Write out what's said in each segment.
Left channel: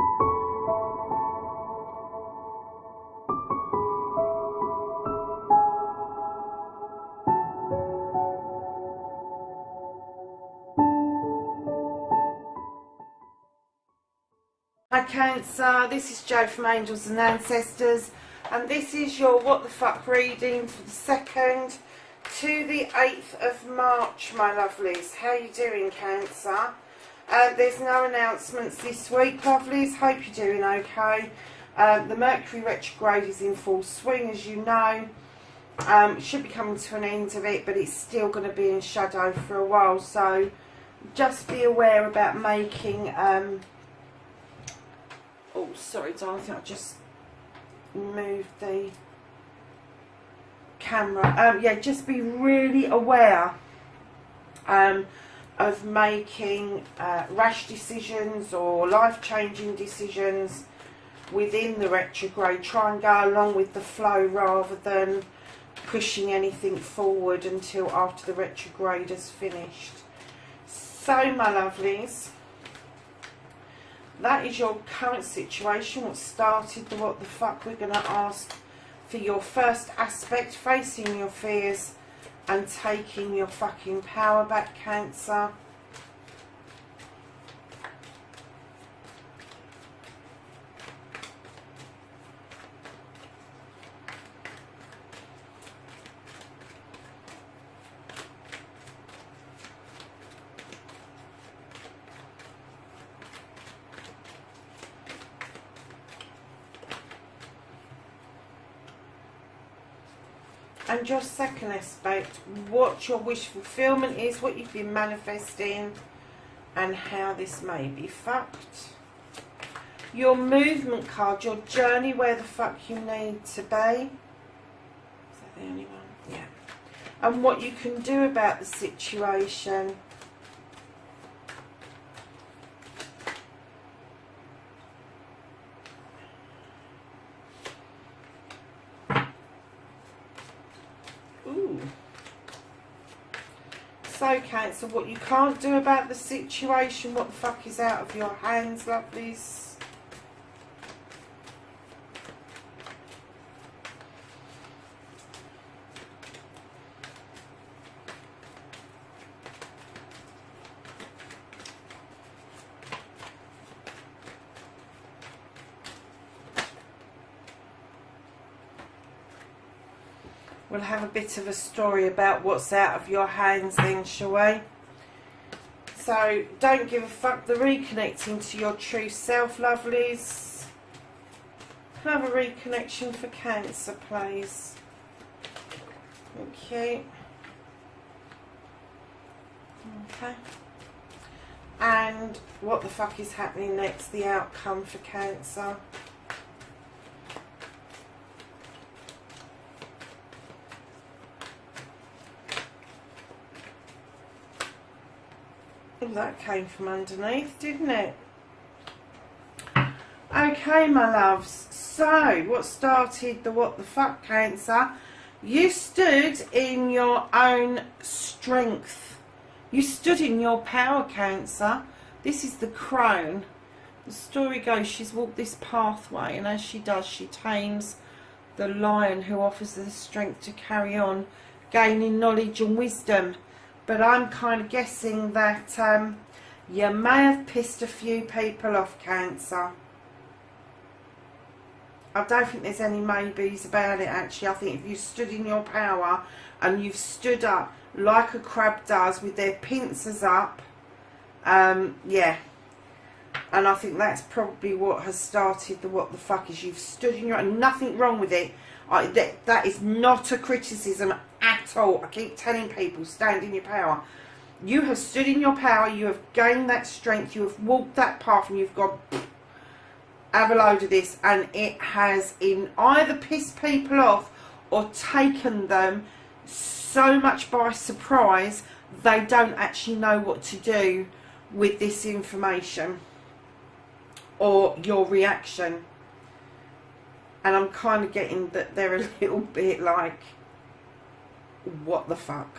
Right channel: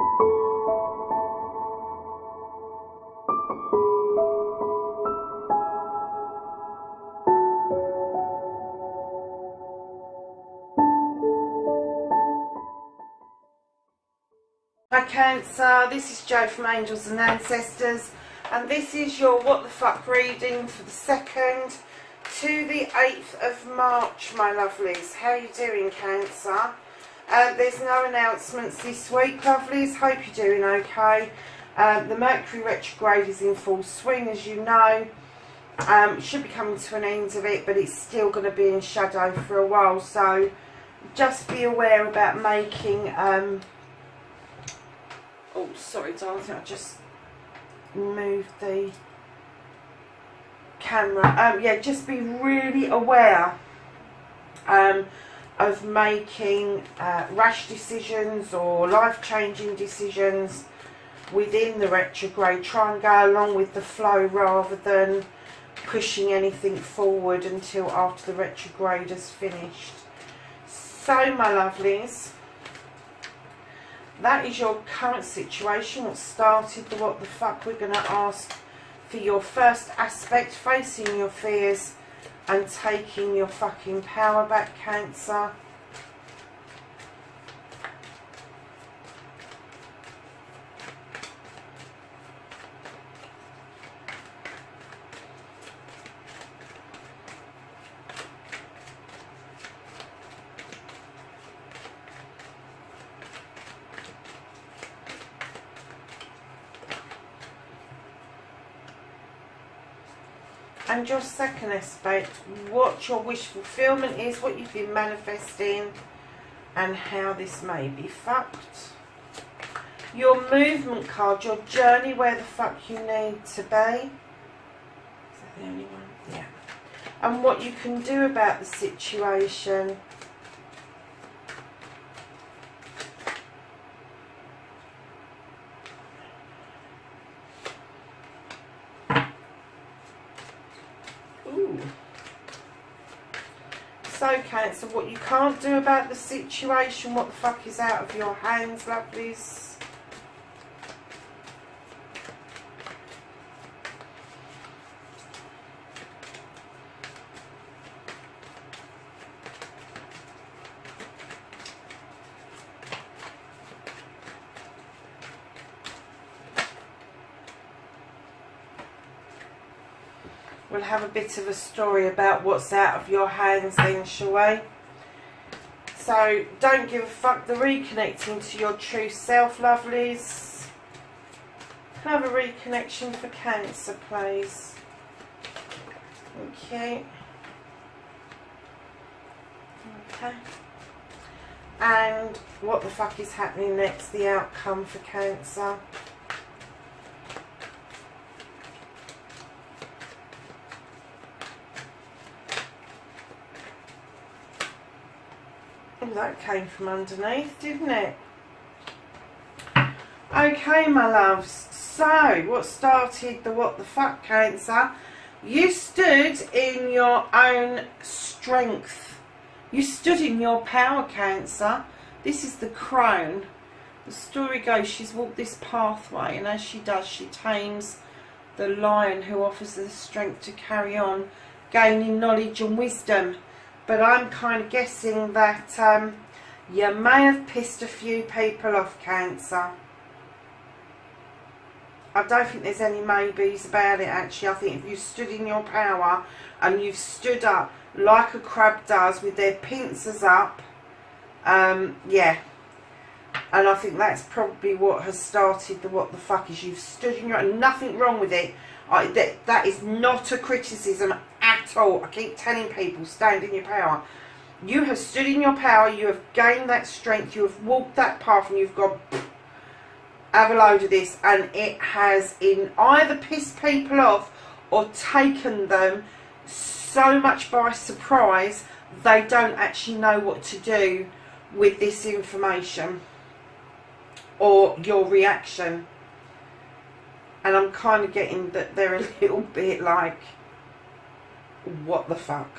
Hi Cancer, this is Jo from Angels and Ancestors, and this is your What the Fuck reading for the 2nd to the 8th of March, my lovelies. How are you doing, Cancer? There's no announcements this week, lovelies. Hope you're doing okay. The Mercury retrograde is in full swing, as you know. It should be coming to an end of it, but it's still going to be in shadow for a while, so just be aware about making... oh, sorry, darling, I think I just moved the camera. Yeah, just be really aware of making rash decisions or life-changing decisions within the retrograde. Try and go along with the flow rather than pushing anything forward until after the retrograde is finished. So, my lovelies, that is your current situation, what started the what the fuck. We're going to ask for your first aspect, facing your fears and taking your fucking power back, Cancer. And your second aspect, what your wish fulfillment is, what you've been manifesting, and how this may be fucked. Your movement card, your journey, where the fuck you need to be. Is that the only one? Yeah. And what you can do about the situation. So, Cancer, what you can't do about the situation, what the fuck is out of your hands, lovelies. We'll have a bit of a story about what's out of your hands then, shall we? So, don't give a fuck. The reconnecting to your true self, lovelies. Can I have a reconnection for Cancer, please? Okay. Okay. And what the fuck is happening next? The outcome for Cancer. That came from underneath, didn't it? Okay, my loves. So, what started the what the fuck, Cancer? You stood in your own strength. You stood in your power, Cancer. This is the crone. The story goes, she's walked this pathway, and as she does, she tames the lion who offers her the strength to carry on, gaining knowledge and wisdom. But I'm kind of guessing that you may have pissed a few people off, Cancer. I don't think there's any maybes about it, actually. I think if you stood in your power and you've stood up like a crab does with their pincers up, yeah. And I think that's probably what has started the what the fuck is. You've stood in your... and nothing wrong with it. That is not a criticism at all. I keep telling people, stand in your power. You have stood in your power, you have gained that strength, you have walked that path, and you've gone, have a load of this, and it has either pissed people off or taken them so much by surprise they don't actually know what to do with this information or your reaction. And I'm kind of getting that they're a little bit like, what the fuck?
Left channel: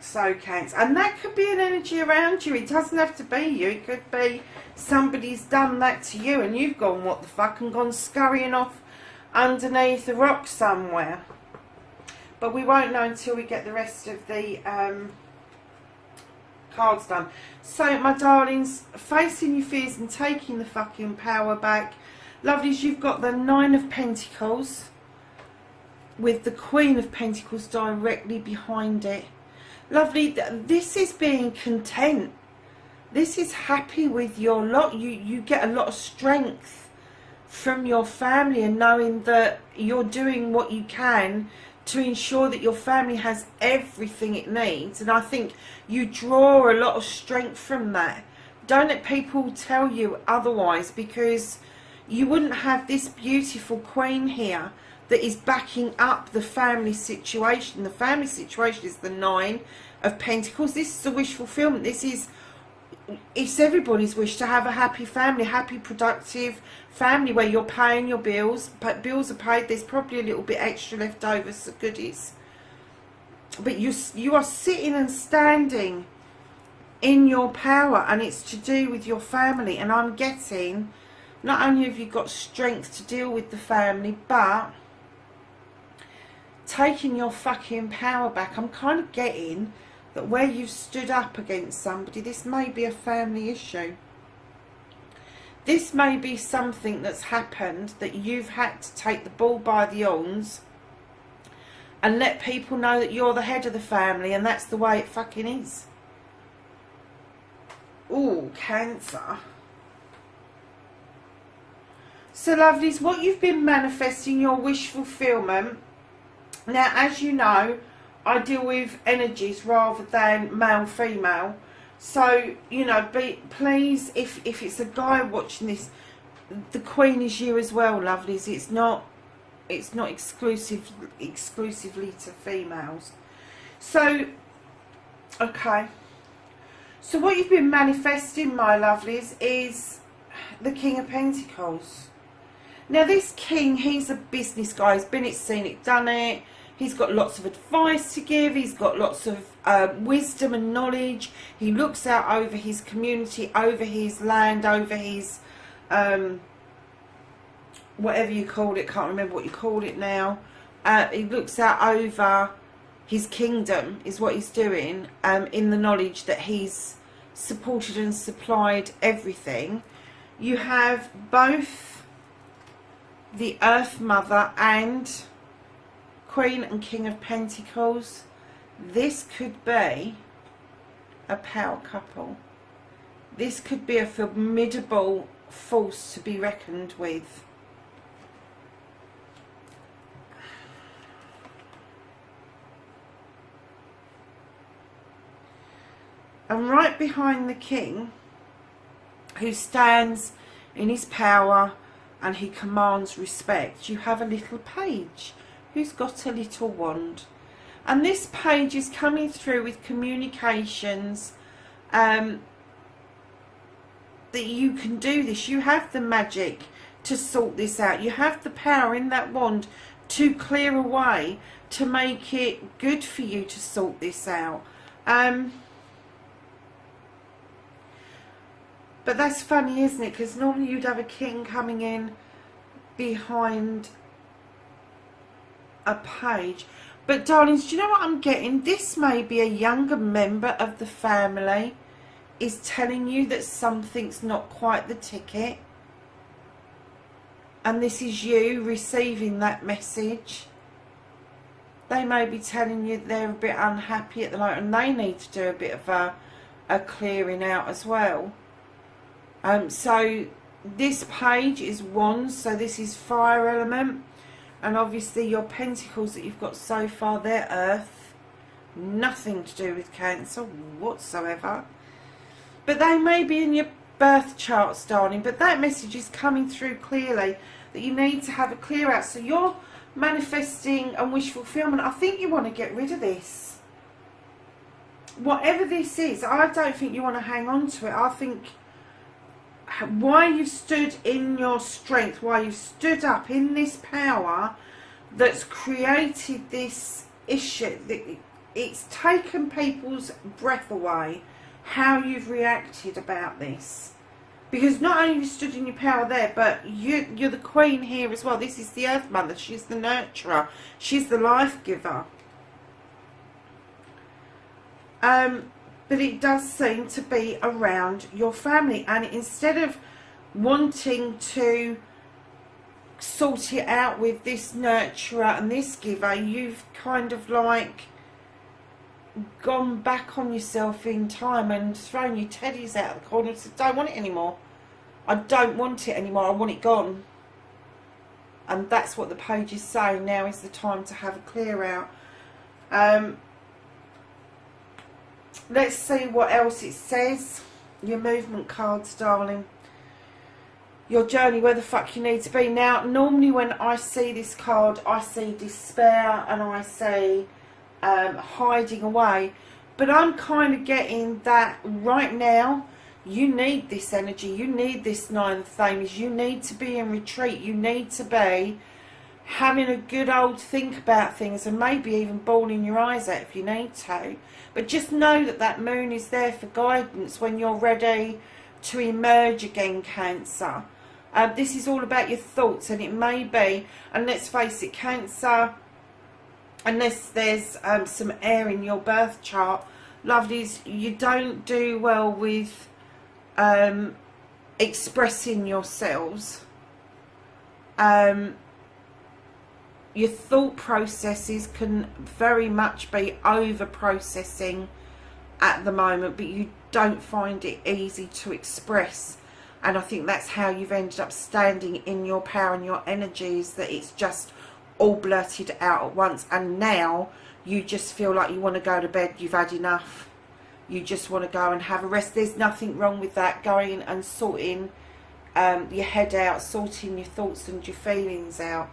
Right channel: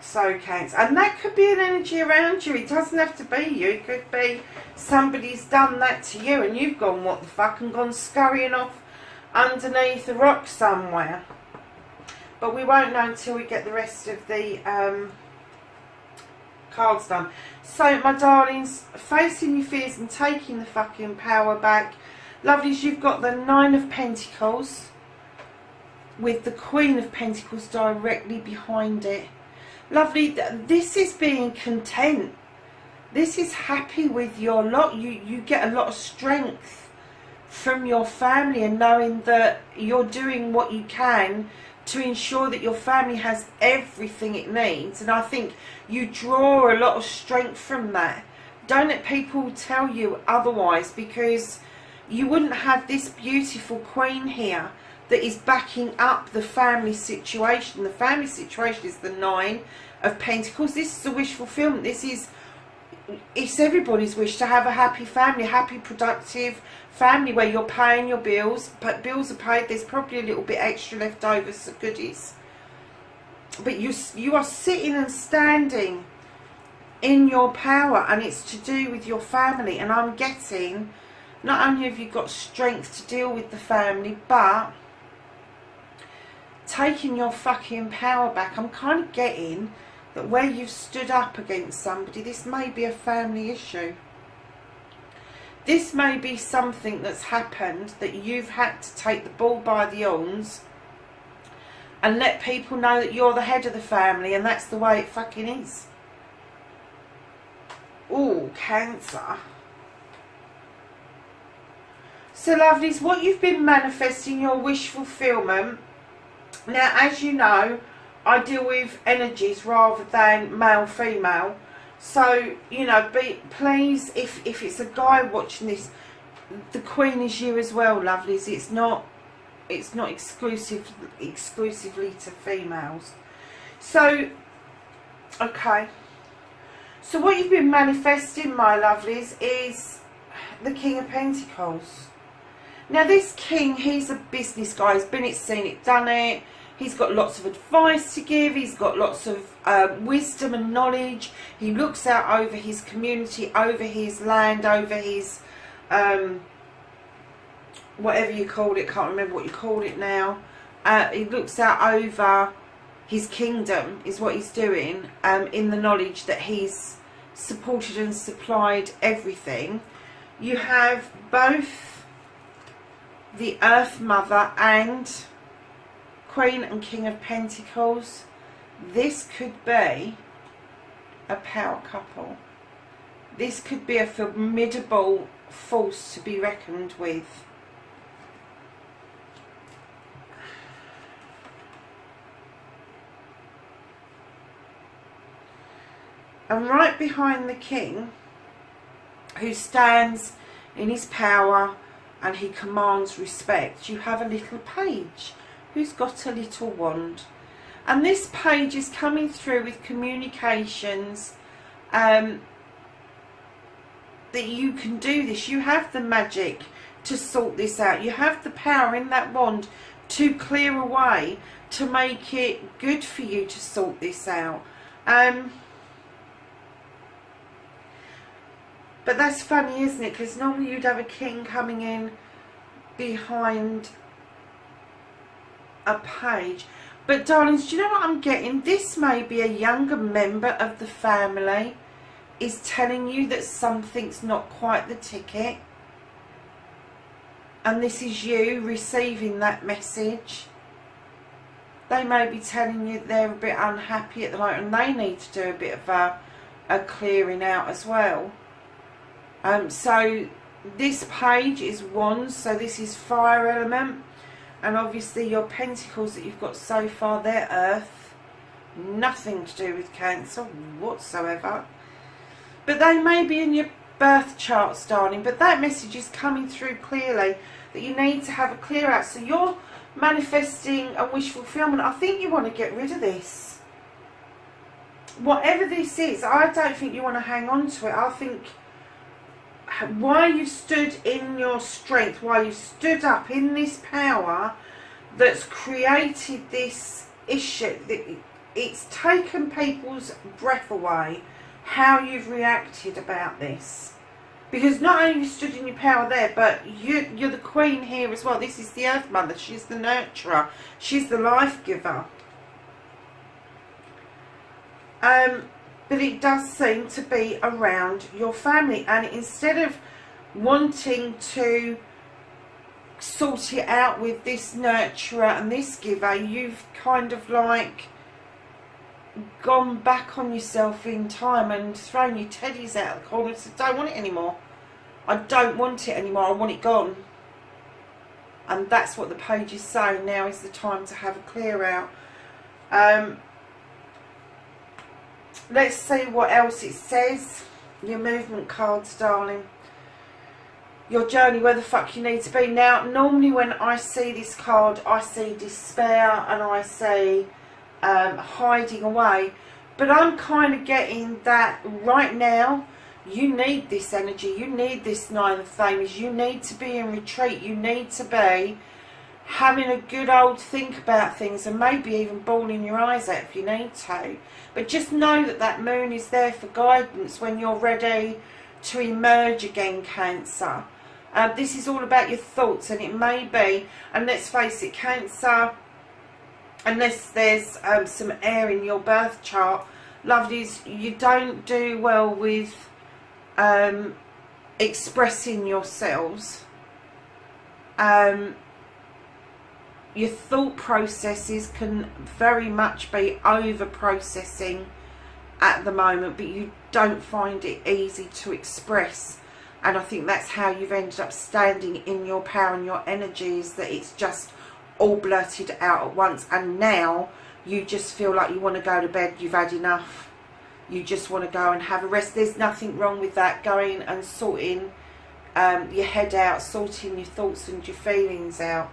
So, Cancer. And that could be an energy around you. It doesn't have to be you. It could be somebody's done that to you and you've gone what the fuck and gone scurrying off underneath a rock somewhere. But we won't know until we get the rest of the cards done. So, my darlings, facing your fears and taking the fucking power back. Lovelies, you've got the 9 of Pentacles with the Queen of Pentacles directly behind it. Lovely, this is being content. This is happy with your lot. You get a lot of strength from your family and knowing that you're doing what you can to ensure that your family has everything it needs. And I think you draw a lot of strength from that. Don't let people tell you otherwise, because you wouldn't have this beautiful queen here that is backing up the family situation. The family situation is the 9 of Pentacles. This is a wish fulfillment. It's everybody's wish to have a happy family, happy, productive family where you're paying your bills, but bills are paid. There's probably a little bit extra left over, so goodies. But you are sitting and standing in your power, and it's to do with your family. And I'm getting, not only have you got strength to deal with the family, but taking your fucking power back. I'm kind of getting that where you've stood up against somebody, this may be a family issue. This may be something that's happened that you've had to take the bull by the horns and let people know that you're the head of the family, and that's the way it fucking is. Ooh, Cancer. So, lovelies, what you've been manifesting, your wish fulfillment. Now, as you know, I deal with energies rather than male, female. So, you know, please, if it's a guy watching this, the Queen is you as well, lovelies. It's not exclusively to females. So, okay. So what you've been manifesting, my lovelies, is the King of Pentacles. Now, this king, he's a business guy. He's been it, seen it, done it. He's got lots of advice to give. He's got lots of wisdom and knowledge. He looks out over his community, over his land, over his whatever you called it. Can't remember what you called it now. He looks out over his kingdom, is what he's doing, in the knowledge that he's supported and supplied everything. You have both the Earth Mother and Queen and King of Pentacles. This could be a power couple. This could be a formidable force to be reckoned with. And right behind the king, who stands in his power and he commands respect, you have a little page who's got a little wand. And this page is coming through with communications, that you can do this. You have the magic to sort this out. You have the power in that wand to clear a way to make it good for you to sort this out. But that's funny, isn't it? Because normally you'd have a king coming in behind a page. But darlings, do you know what I'm getting? This may be a younger member of the family is telling you that something's not quite the ticket. And this is you receiving that message. They may be telling you they're a bit unhappy at the moment and they need to do a bit of a clearing out as well. So this page is wands, so this is fire element, and obviously your pentacles that you've got so far, they're earth, nothing to do with Cancer whatsoever. But they may be in your birth charts, darling, but that message is coming through clearly that you need to have a clear out. So you're manifesting a wish fulfillment. I think you want to get rid of this. Whatever this is, I don't think you want to hang on to it. I think why you stood in your strength, why you stood up in this power that's created this issue, it's taken people's breath away how you've reacted about this, Because not only you stood in your power there, but you're the queen here as well. This is the Earth Mother. She's the nurturer. She's the life giver. But it does seem to be around your family. And instead of wanting to sort it out with this nurturer and this giver, you've kind of like gone back on yourself in time and thrown your teddies out the corner and said, don't want it anymore. I don't want it anymore. I want it gone. And that's what the page is saying. Now is the time to have a clear out. Let's see what else it says. Your movement cards, darling. Your journey, where the fuck you need to be. Now, normally when I see this card, I see despair and I see hiding away. But I'm kind of getting that right now, you need this energy. You need this Nine of Flames. You need to be in retreat. You need to be having a good old think about things and maybe even bawling your eyes out if you need to. But just know that that moon is there for guidance when you're ready to emerge again, Cancer. This is all about your thoughts, and it may be, and let's face it, Cancer, unless there's some air in your birth chart, lovelies, you don't do well with expressing yourselves. Your thought processes can very much be over processing at the moment, but you don't find it easy to express. And I think that's how you've ended up standing in your power and your energies, that it's just all blurted out at once. And now you just feel like you want to go to bed. You've had enough. You just want to go and have a rest. There's nothing wrong with that. Going and sorting your head out, sorting your thoughts and your feelings out.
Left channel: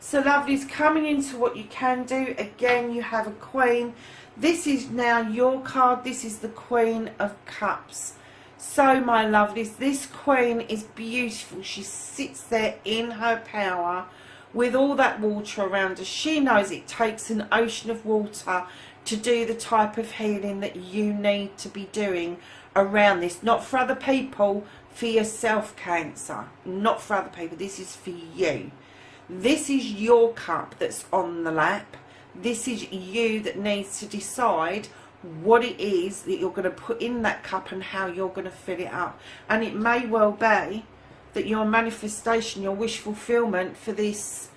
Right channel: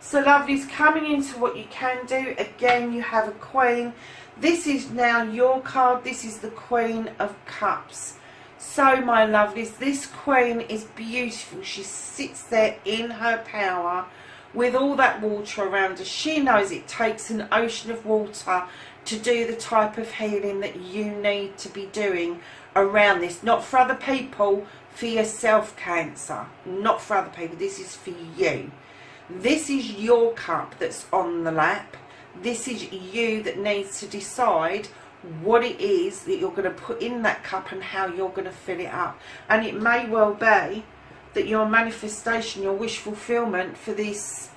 So lovelies, coming into what you can do. Again, you have a Queen. This is now your card. This is the Queen of Cups. So my lovelies, this Queen is beautiful. She sits there in her power with all that water around her. She knows it takes an ocean of water to do the type of healing that you need to be doing around this. Not for other people, for yourself, Cancer. Not for other people. This is for you. This is your cup that's on the lap. This is you that needs to decide what it is that you're going to put in that cup and how you're going to fill it up. And it may well be that your manifestation, your wish fulfillment for this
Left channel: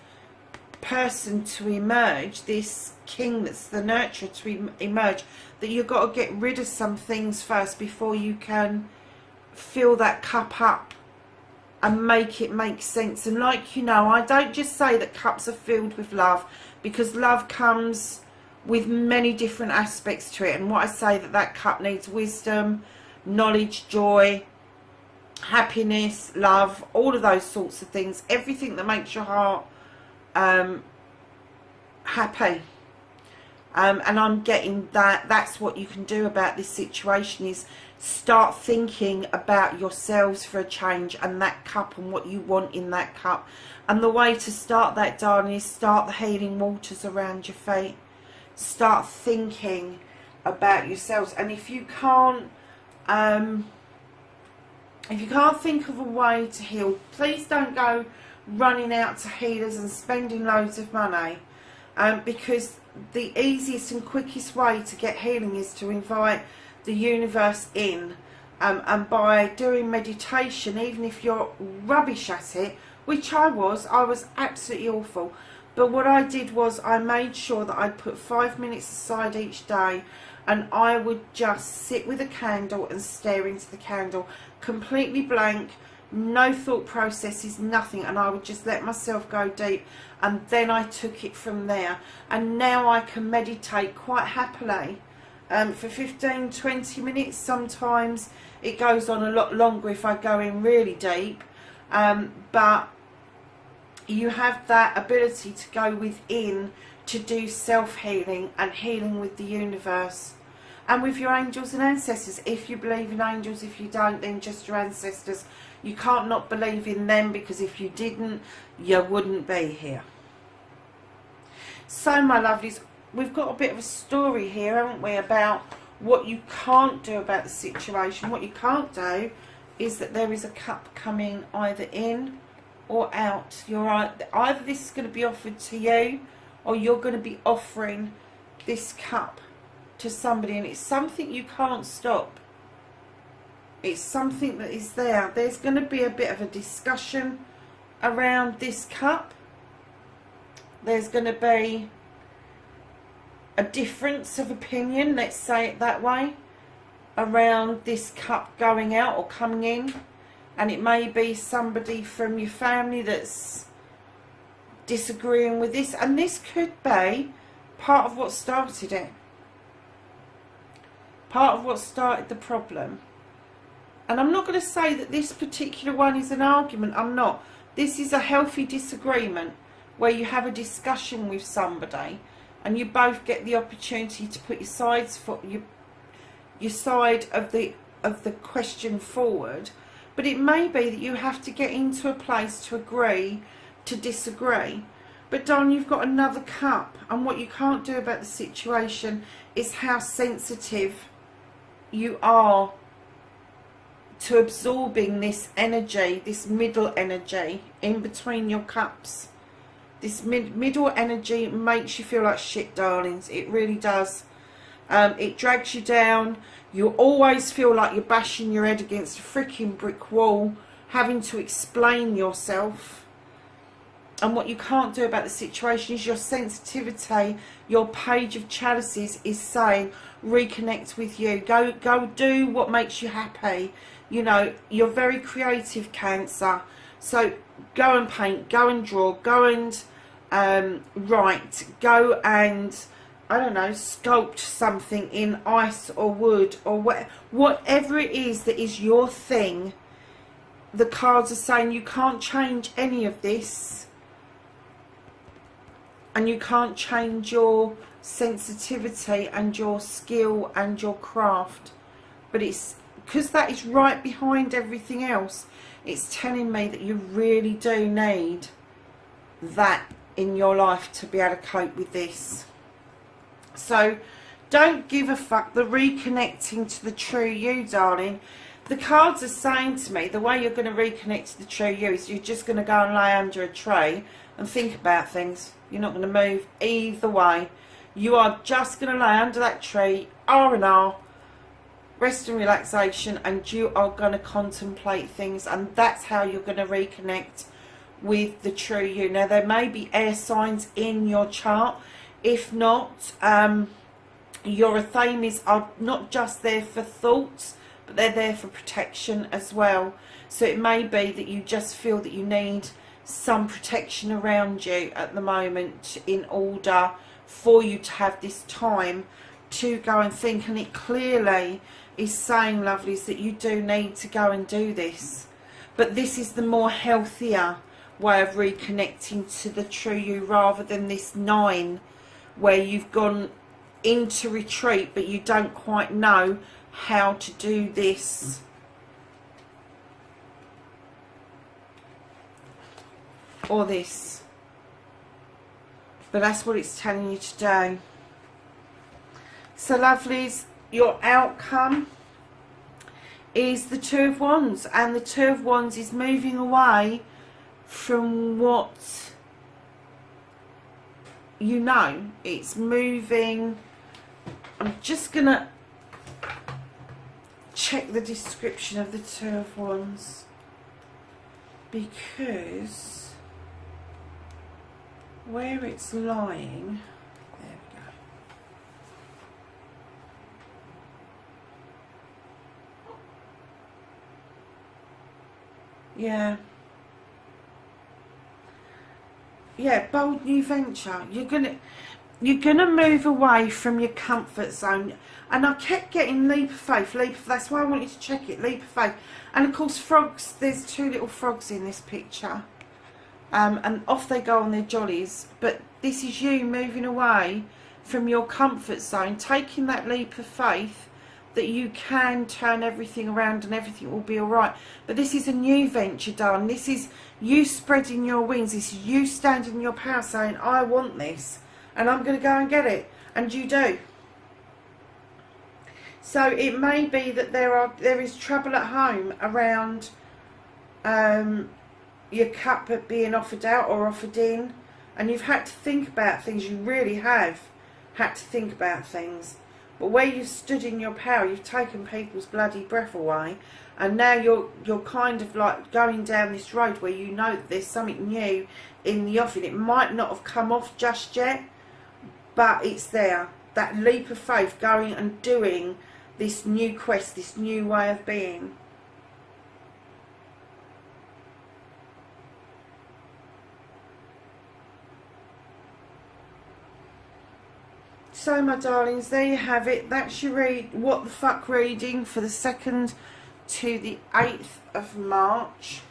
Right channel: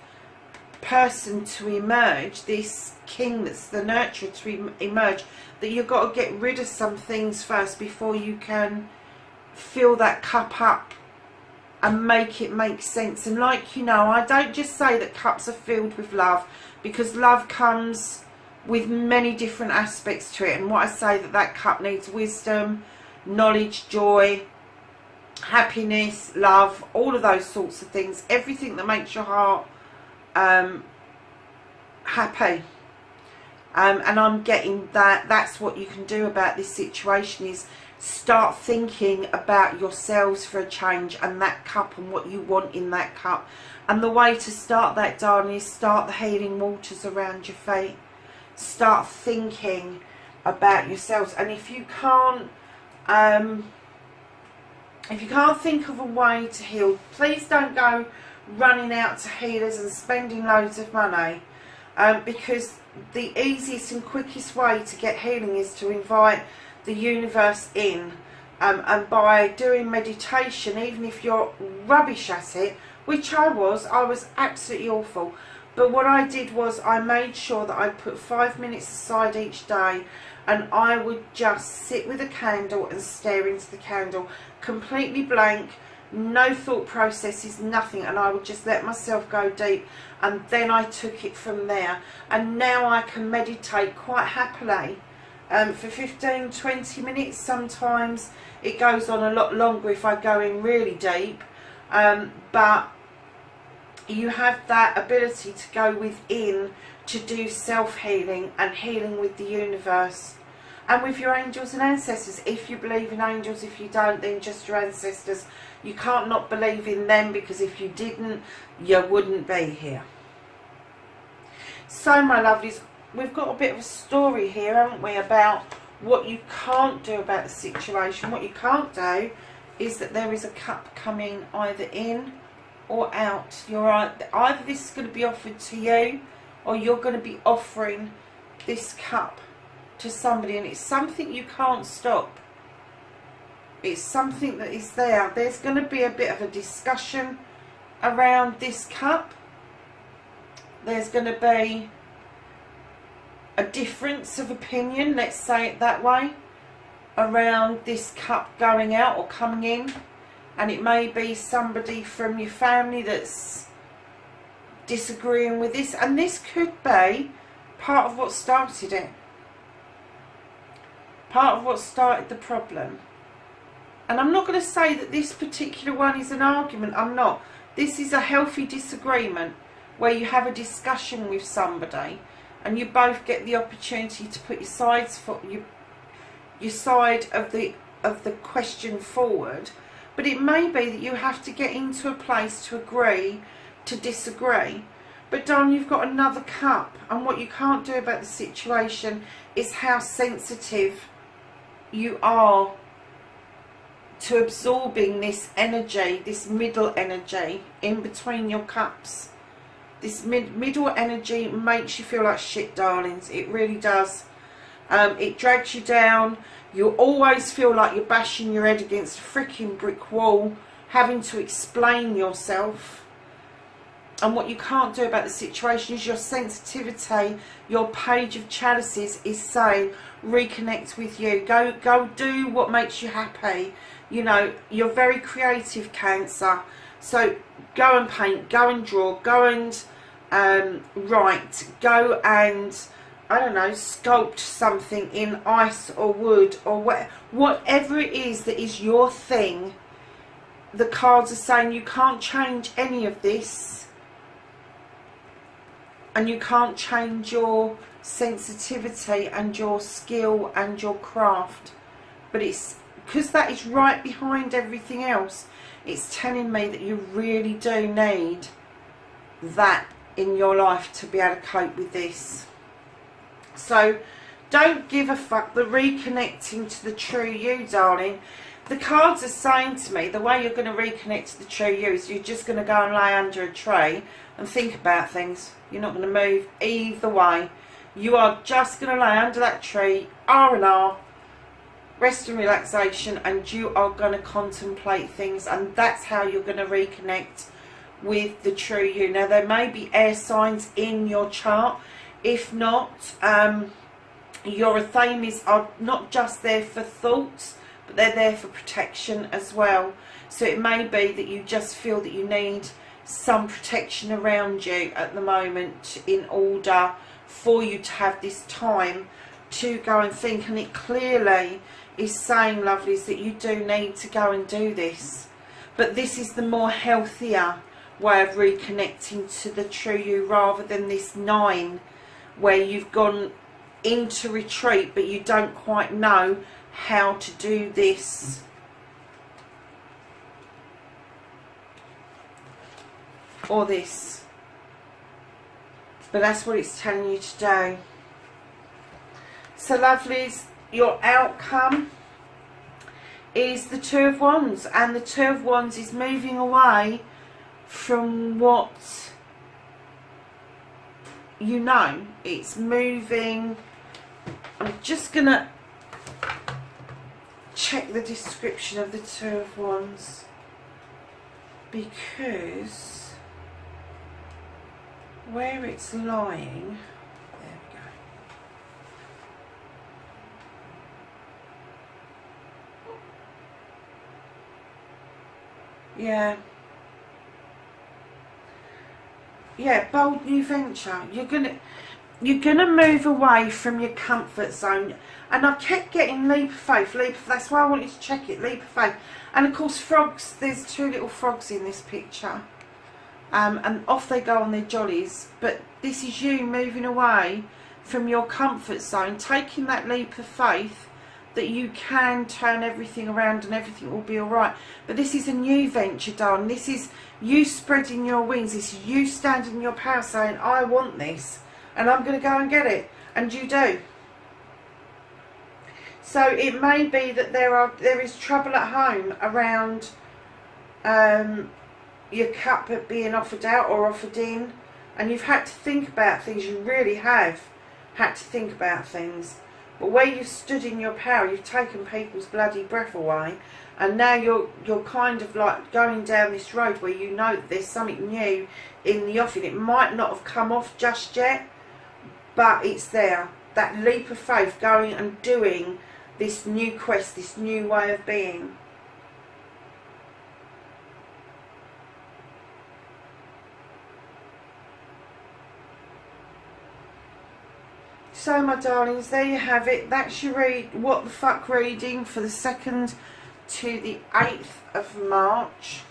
person to emerge, this king that's the nurturer to emerge, that you've got to get rid of some things first before you can fill that cup up and make it make sense. And like, you know, I don't just say that cups are filled with love, because love comes with many different aspects to it. And what I say, that cup needs wisdom, knowledge, joy, happiness, love, all of those sorts of things. Everything that makes your heart happy. And I'm getting that that's what you can do about this situation, is start thinking about yourselves for a change, and that cup and what you want in that cup. And the way to start that, darling, is start the healing waters around your feet. Start thinking about yourselves. And if you can't think of a way to heal, please don't go running out to healers and spending loads of money, because the easiest and quickest way to get healing is to invite the universe in, and by doing meditation, even if you're rubbish at it, which I was absolutely awful. But what I did was I made sure that I put 5 minutes aside each day, and I would just sit with a candle and stare into the candle, completely blank, no thought processes, nothing, and I would just let myself go deep, and then I took it from there. And now I can meditate quite happily for 15-20 minutes. Sometimes it goes on a lot longer if I go in really deep, but you have that ability to go within to do self-healing and healing with the universe and with your angels and ancestors. If you believe in angels, if you don't, then just your ancestors. You can't not believe in them, because if you didn't, you wouldn't be here. So my lovelies, we've got a bit of a story here, haven't we, about What you can't do about the situation, what you can't do, is that there is a cup coming either in or out. Either this is going to be offered to you, or you're going to be offering this cup to somebody, and it's something you can't stop. It's something that is there. There's going to be a bit of a discussion around this cup. There's going to be a difference of opinion, let's say it that way, around this cup going out or coming in. And it may be somebody from your family that's disagreeing with this, and this could be part of what started it, part of what started the problem. And I'm not going to say that this particular one is an argument. I'm not. This is a healthy disagreement where you have a discussion with somebody and you both get the opportunity to put your sides for your side of the question forward. But it may be that you have to get into a place to agree to disagree. But darling, you've got another cup, and what you can't do about the situation is how sensitive you are to absorbing this energy, this middle energy in between your cups. This middle energy makes you feel like shit, darlings. It really does. It drags you down. You always feel like you're bashing your head against a freaking brick wall, having to explain yourself. And what you can't do about the situation is your sensitivity. Your page of chalices is saying, reconnect with you. Go do what makes you happy. You know, you're very creative, Cancer. So go and paint, go and draw, go and write, go and, I don't know, sculpt something in ice or wood or whatever it is that is your thing. The cards are saying you can't change any of this, and you can't change your sensitivity and your skill and your craft. But it's because that is right behind everything else. It's telling me that you really do need that in your life to be able to cope with this. So don't give a fuck. The reconnecting to the true you, darling. The cards are saying to me the way you're going to reconnect to the true you is you're just going to go and lay under a tree and think about things. You're not going to move either way. You are just going to lay under that tree, R&R, rest and relaxation, and you are going to contemplate things, and that's how you're going to reconnect with the true you. Now, there may be air signs in your chart. If not, your Athames are not just there for thoughts, but they're there for protection as well. So it may be that you just feel that you need some protection around you at the moment in order for you to have this time to go and think. And it clearly is saying, lovelies, that you do need to go and do this. But this is the more healthier way of reconnecting to the true you, rather than this 9 where you've gone into retreat but you don't quite know how to do this. Or this. But that's what it's telling you to do. So, lovelies, your outcome is the 2 of Wands. And the 2 of Wands is moving away from what you know. It's moving. I'm just going to check the description of the 2 of Wands, because where it's lying, there we go. Yeah, bold new venture. You're gonna move away from your comfort zone. And I kept getting leap of faith, that's why I wanted to check it, leap of faith. And of course, frogs, there's 2 little frogs in this picture. And off they go on their jollies. But this is you moving away from your comfort zone, taking that leap of faith that you can turn everything around and everything will be alright. But this is a new venture, darling. This is you spreading your wings. This is you standing in your power saying, I want this and I'm going to go and get it. And you do. So it may be that there is trouble at home around your cup being offered out or offered in, and you've had to think about things. You really have had to think about things. But where you've stood in your power, you've taken people's bloody breath away, and now you're kind of like going down this road where you know that there's something new in the offing. It might not have come off just yet, but it's there. That leap of faith, going and doing this new quest, this new way of being. So my darlings, there you have it. That's your what the fuck reading for the 2nd to the 8th of March.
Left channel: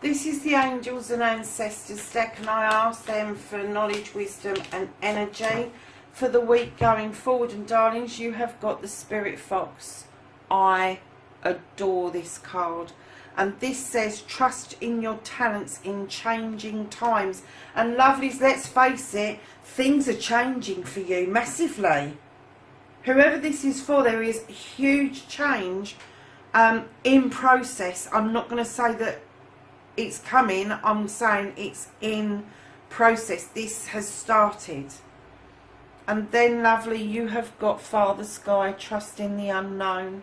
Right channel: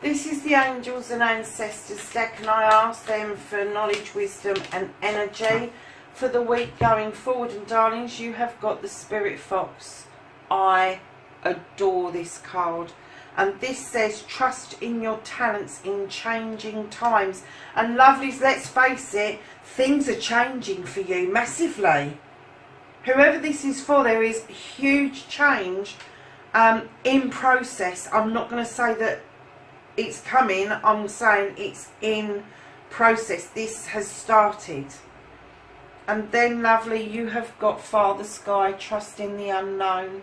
This is the Angels and Ancestors deck, and I ask them for knowledge, wisdom and energy for the week going forward. And darlings, you have got the Spirit Fox. I adore this card. And this says, trust in your talents in changing times. And lovelies, let's face it, things are changing for you massively. Whoever this is for, there is huge change in process. I'm not going to say that it's coming, I'm saying it's in process. This has started. And then, lovely, you have got Father Sky, trust in the unknown.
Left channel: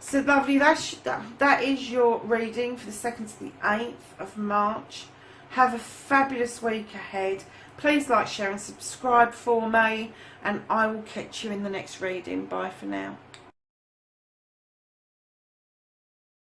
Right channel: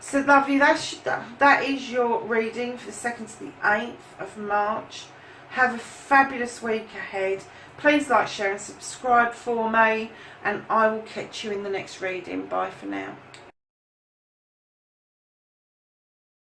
So, lovely, that is your reading for the 2nd to the 8th of March. Have a fabulous week ahead. Please like, share and subscribe for me. And I will catch you in the next reading. Bye for now.